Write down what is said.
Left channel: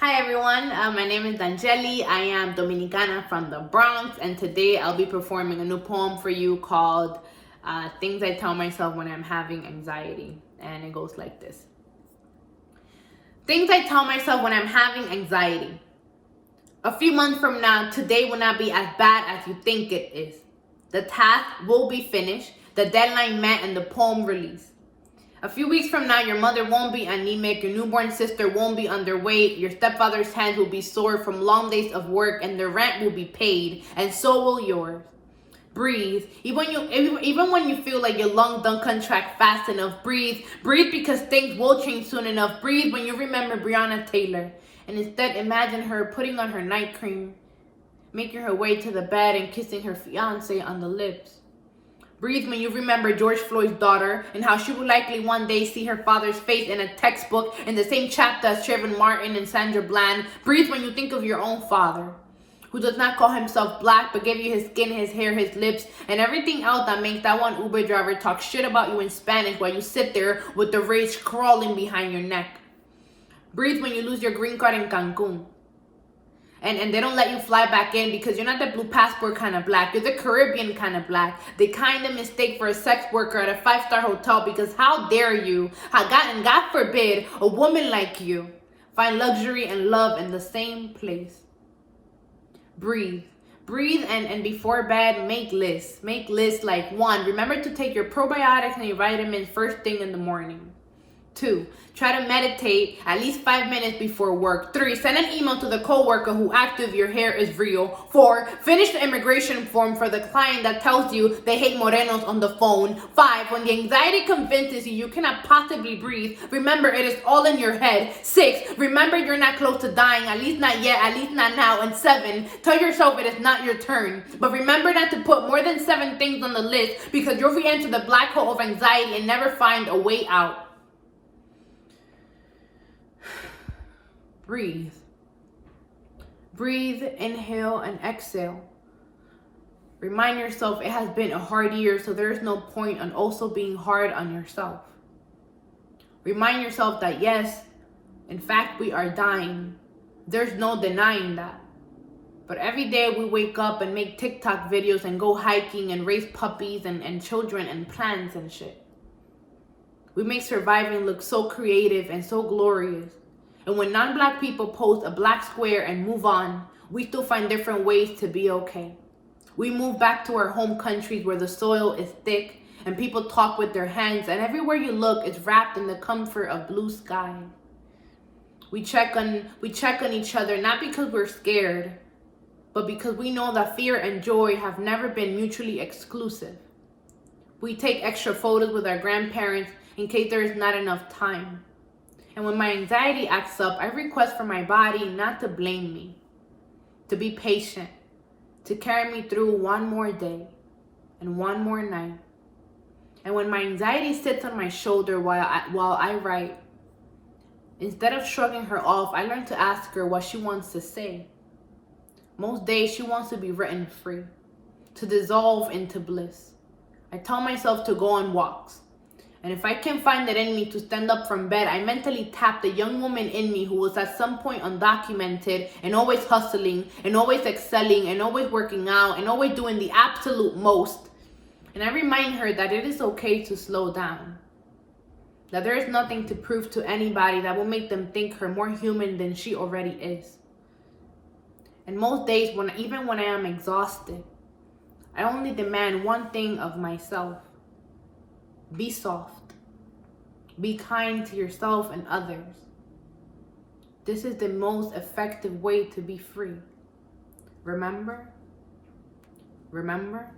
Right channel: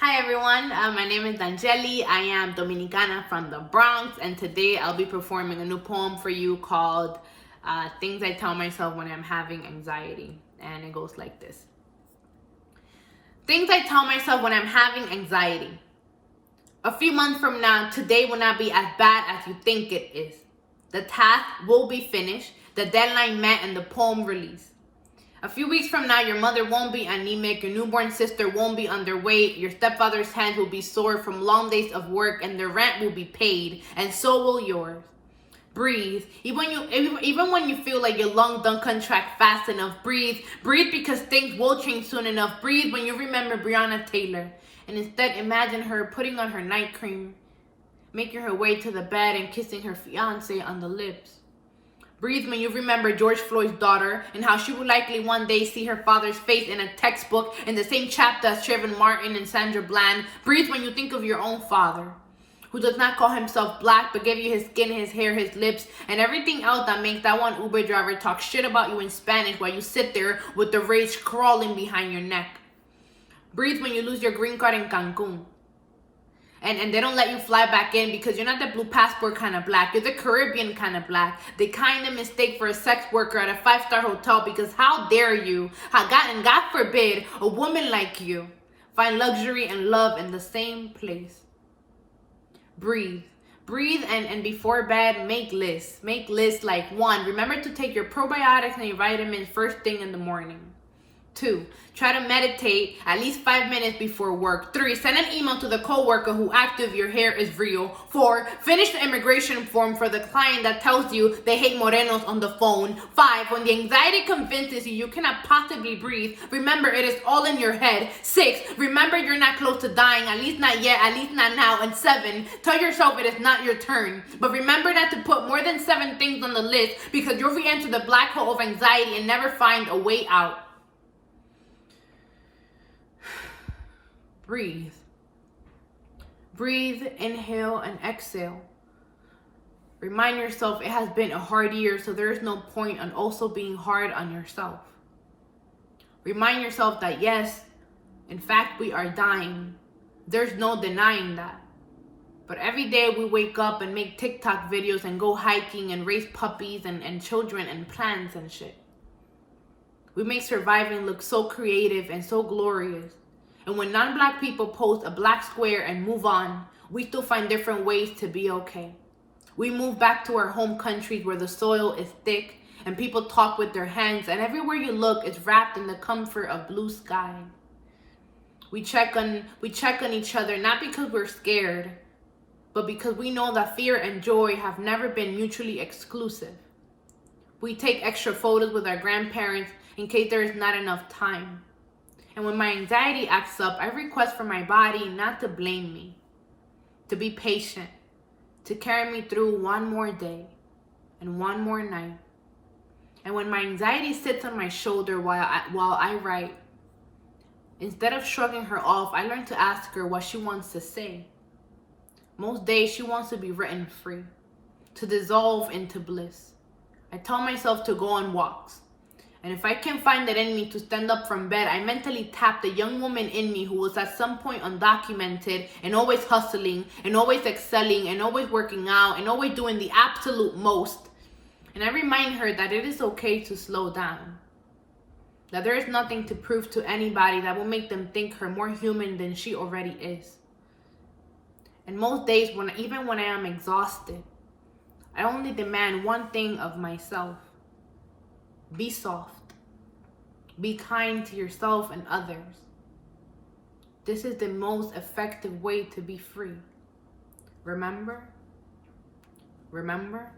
Hi everyone, my name is Danyeli. I am Dominicana from the Bronx, and today I'll be performing a new poem for you called Things I Tell Myself When I'm Having Anxiety. And it goes like this. Things I tell myself when I'm having anxiety. A few months from now, today will not be as bad as you think it is. The task will be finished, the deadline met, and the poem released. A few weeks from now, your mother won't be anemic, your newborn sister won't be underweight, your stepfather's hands will be sore from long days of work, and the rent will be paid, and so will yours. Breathe. Even when you feel like your lungs don't contract fast enough, breathe. Breathe because things will change soon enough. Breathe when you remember Breonna Taylor, and instead imagine her putting on her night cream, making her way to the bed and kissing her fiancé on the lips. Breathe when you remember George Floyd's daughter and how she will likely one day see her father's face in a textbook in the same chapter as Trayvon Martin and Sandra Bland. Breathe when you think of your own father, who does not call himself black but gave you his skin, his hair, his lips, and everything else that makes that one Uber driver talk shit about you in Spanish while you sit there with the rage crawling behind your neck. Breathe when you lose your green card in Cancun. And they don't let you fly back in because you're not the blue passport kind of black. You're the Caribbean kind of black. They kind of mistake for a sex worker at a 5-star hotel because how dare you, and God forbid, a woman like you find luxury and love in the same place. Breathe. Breathe and before bed, make lists. Make lists like 1, remember to take your probiotics and your vitamins first thing in the morning. 2, try to meditate at least 5 minutes before work. 3, send an email to the coworker who asked if your hair is real. 4, finish the immigration form for the client that tells you they hate morenos on the phone. 5, when the anxiety convinces you cannot possibly breathe, remember it is all in your head. 6, remember you're not close to dying, at least not yet, at least not now. And 7, tell yourself it is not your turn. But remember not to put more than 7 things on the list because you'll re-enter the black hole of anxiety and never find a way out. Breathe. Breathe, inhale, and exhale. Remind yourself it has been a hard year, so there is no point on also being hard on yourself. Remind yourself that yes, in fact, we are dying. There's no denying that. But every day we wake up and make TikTok videos and go hiking and raise puppies and children and plants and shit. We make surviving look so creative and so glorious. And when non-black people post a black square and move on, we still find different ways to be okay. We move back to our home countries where the soil is thick and people talk with their hands, and everywhere you look is wrapped in the comfort of blue sky. We check on each other not because we're scared, but because we know that fear and joy have never been mutually exclusive. We take extra photos with our grandparents in case there is not enough time. And when my anxiety acts up, I request for my body not to blame me, to be patient, to carry me through one more day and one more night. And when my anxiety sits on my shoulder while I write, instead of shrugging her off, I learn to ask her what she wants to say. Most days she wants to be written free, to dissolve into bliss. I tell myself to go on walks. And if I can find it in me to stand up from bed, I mentally tap the young woman in me who was at some point undocumented and always hustling and always excelling and always working out and always doing the absolute most. And I remind her that it is okay to slow down. That there is nothing to prove to anybody that will make them think her more human than she already is. And most days, even when I am exhausted, I only demand one thing of myself. Be soft. Be kind to yourself and others. This is the most effective way to be free. Remember? Remember?